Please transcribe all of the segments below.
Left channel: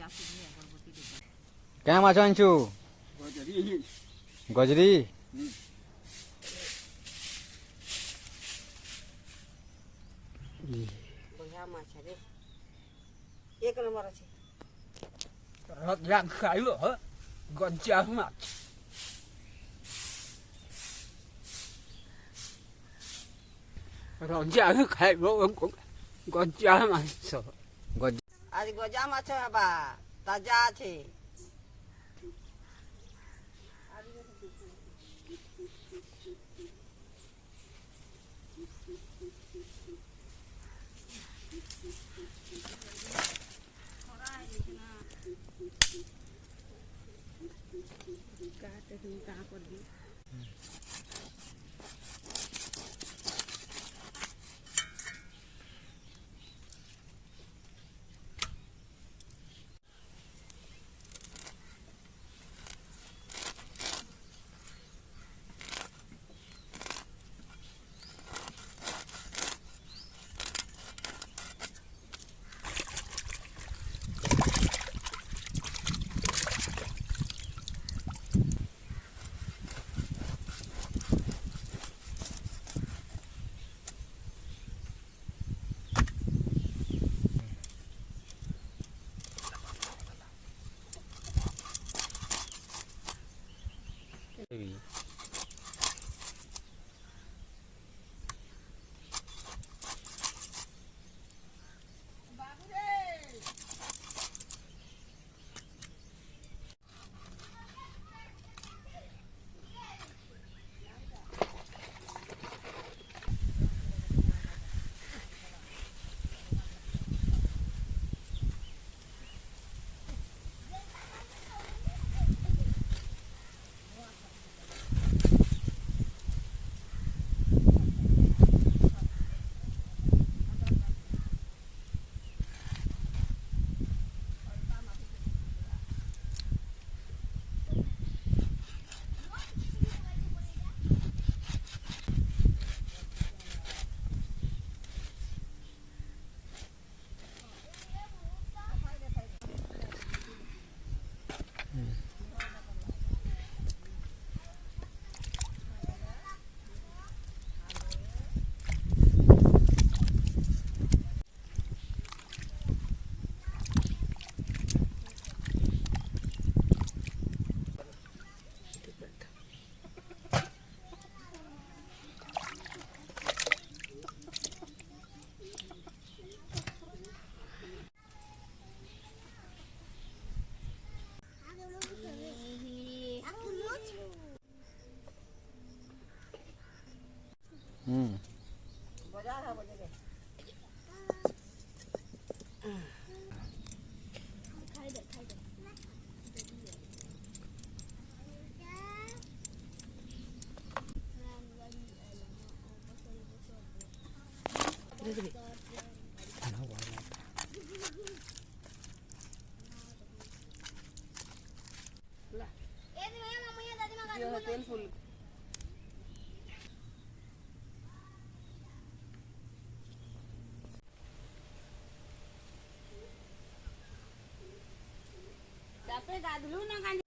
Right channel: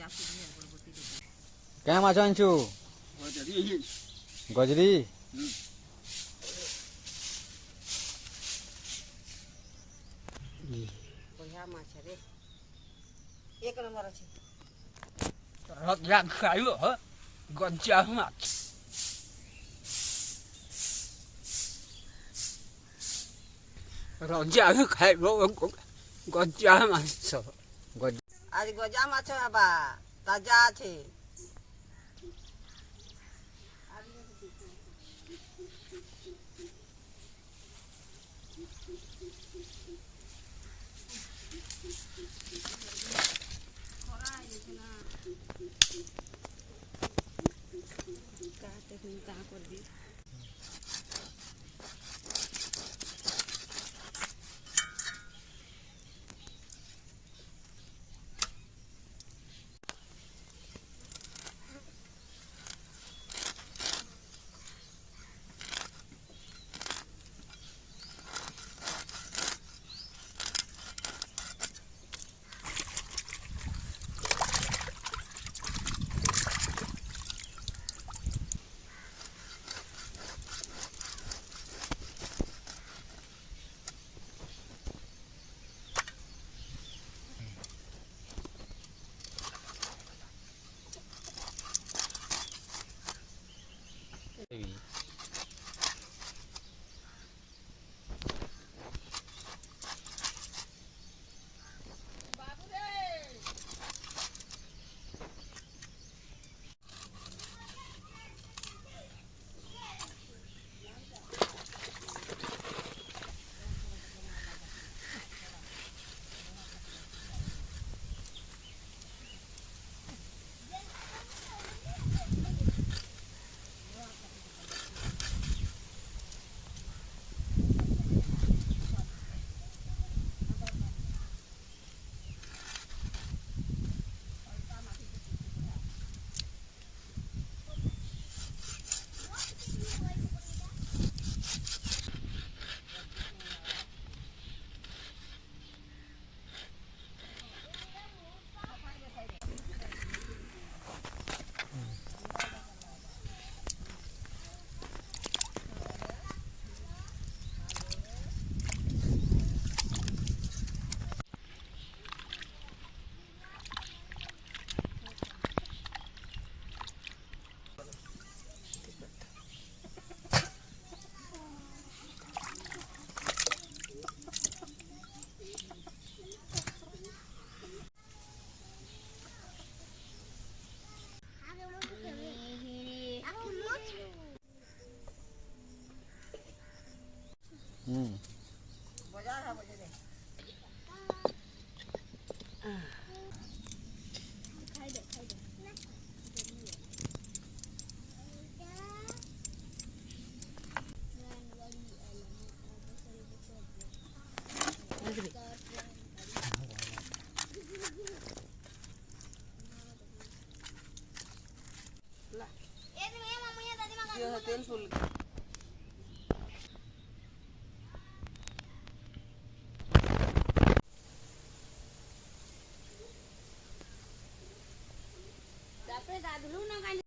क्या माछ आनिछु गजरी एक नंबर अच्छे रजा खाइलो ह गज्जा माछ रजा खाइलो गज्जा माछ आज गजा माछ हबा ताजा আছে बाजार है बोले तेल फुल गाधलू ना गाली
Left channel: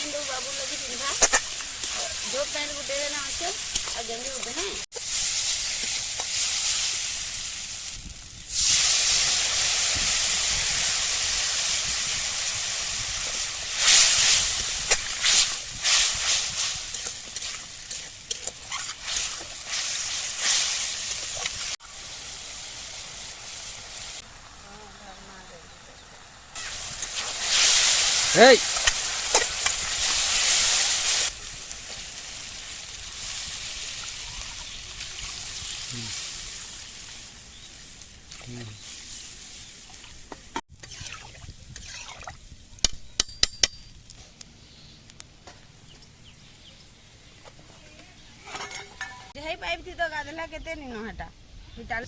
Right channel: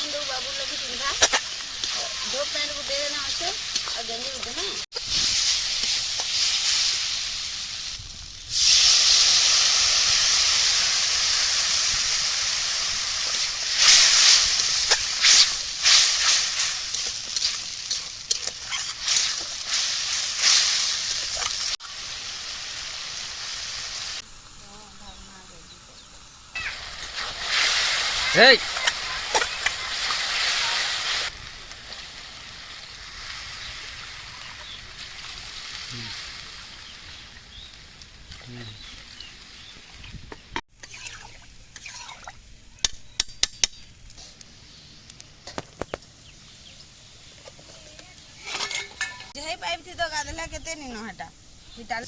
पैंट बाबू लगी पिंधा जो पैंट को दे देना अच्छे और गंजी को देना Hey! जही पाइप थी तो गादला केते नहीं न हटा हिटाल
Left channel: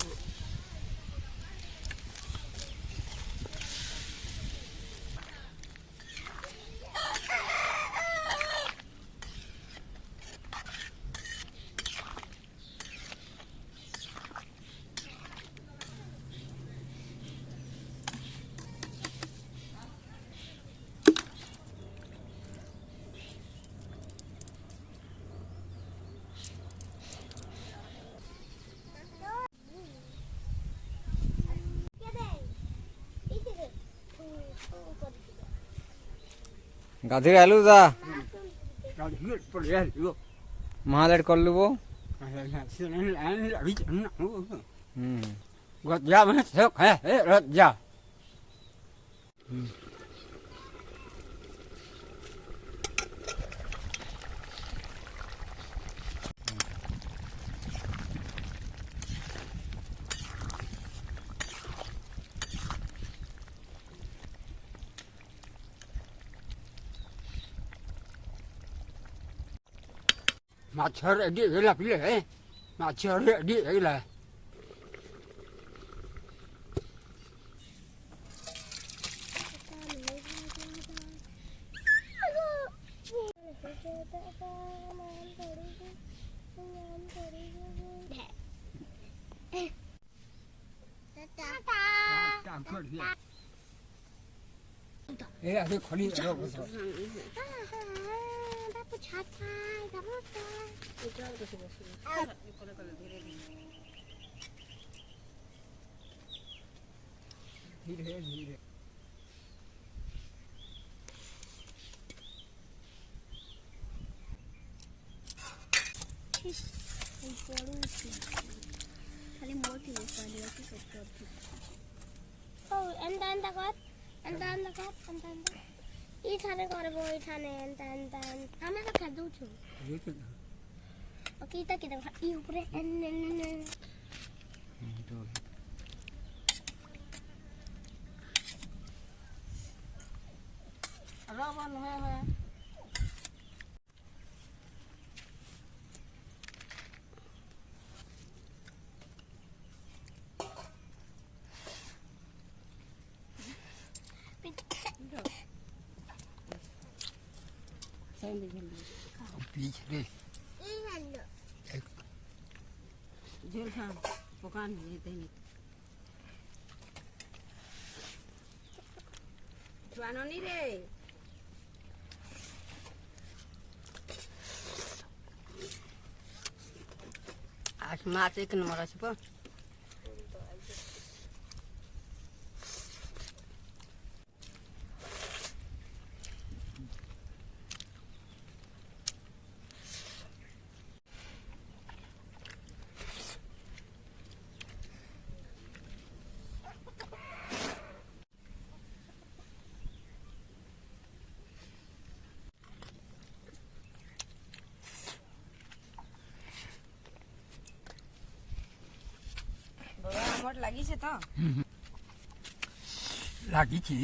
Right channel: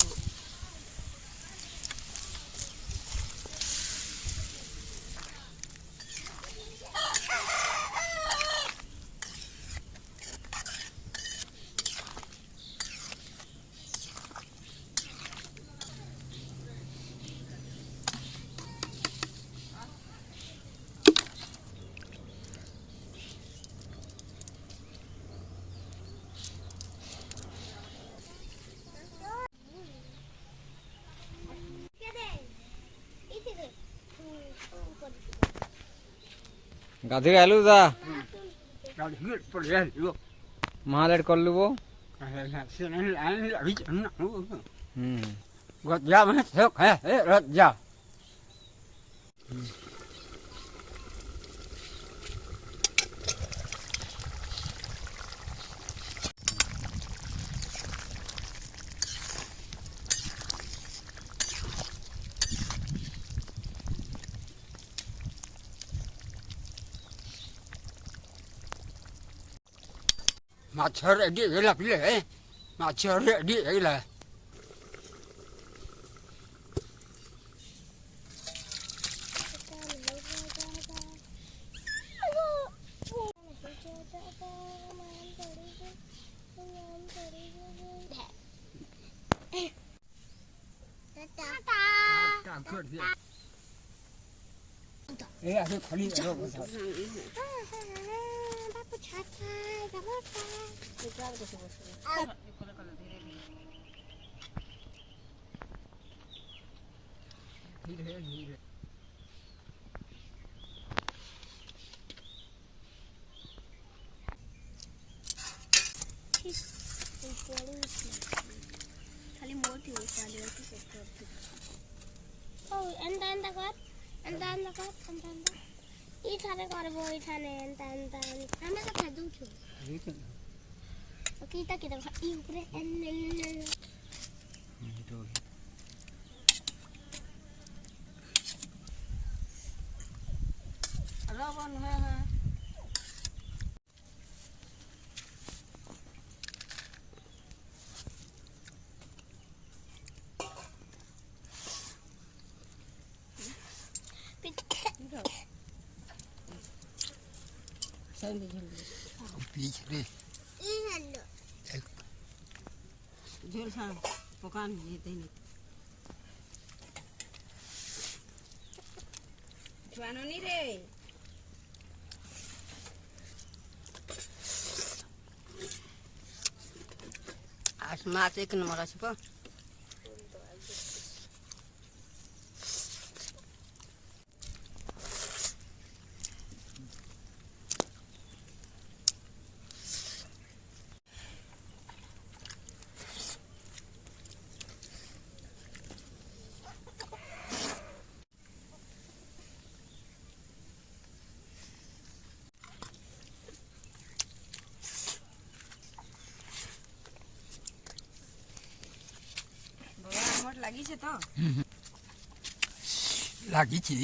গাধি আলু দা Gaduh perih lu. মালের করলু বো Sini lain lagi enak lu. হুম Gua jam sok rot jam. Macam dia lah pilih Macam dia lah. Takut dia. Ada khali ada. धीरे धीरे खाली मोठी उचलली होती सत्तर ಎಂತ ಕತ್ ಈठाने करबो ಈठाने ಎಂತ हमें तो खादू छु ओके ता किदा ई ऊपर रावण है पीछे रे झूल हाँ दुकान ये देने जुआनो नहीं रे आज माछ एक नंबर আছে পা লাগিছে তো লাগিছি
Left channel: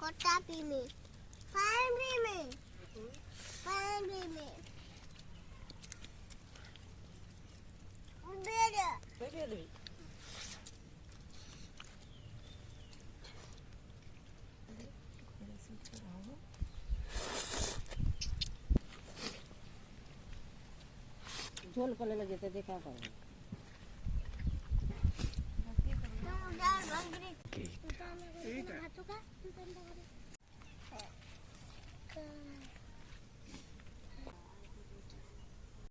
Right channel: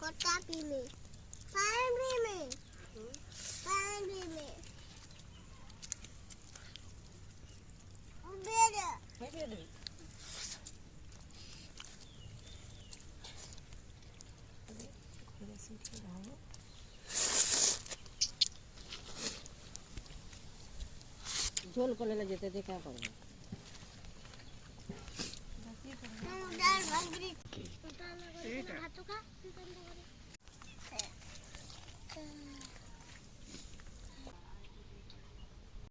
कोटा पीने पानी में बेड़ा ঝোল করলে যেতে দেখা করবো ডাল ভাগরি ভাত খা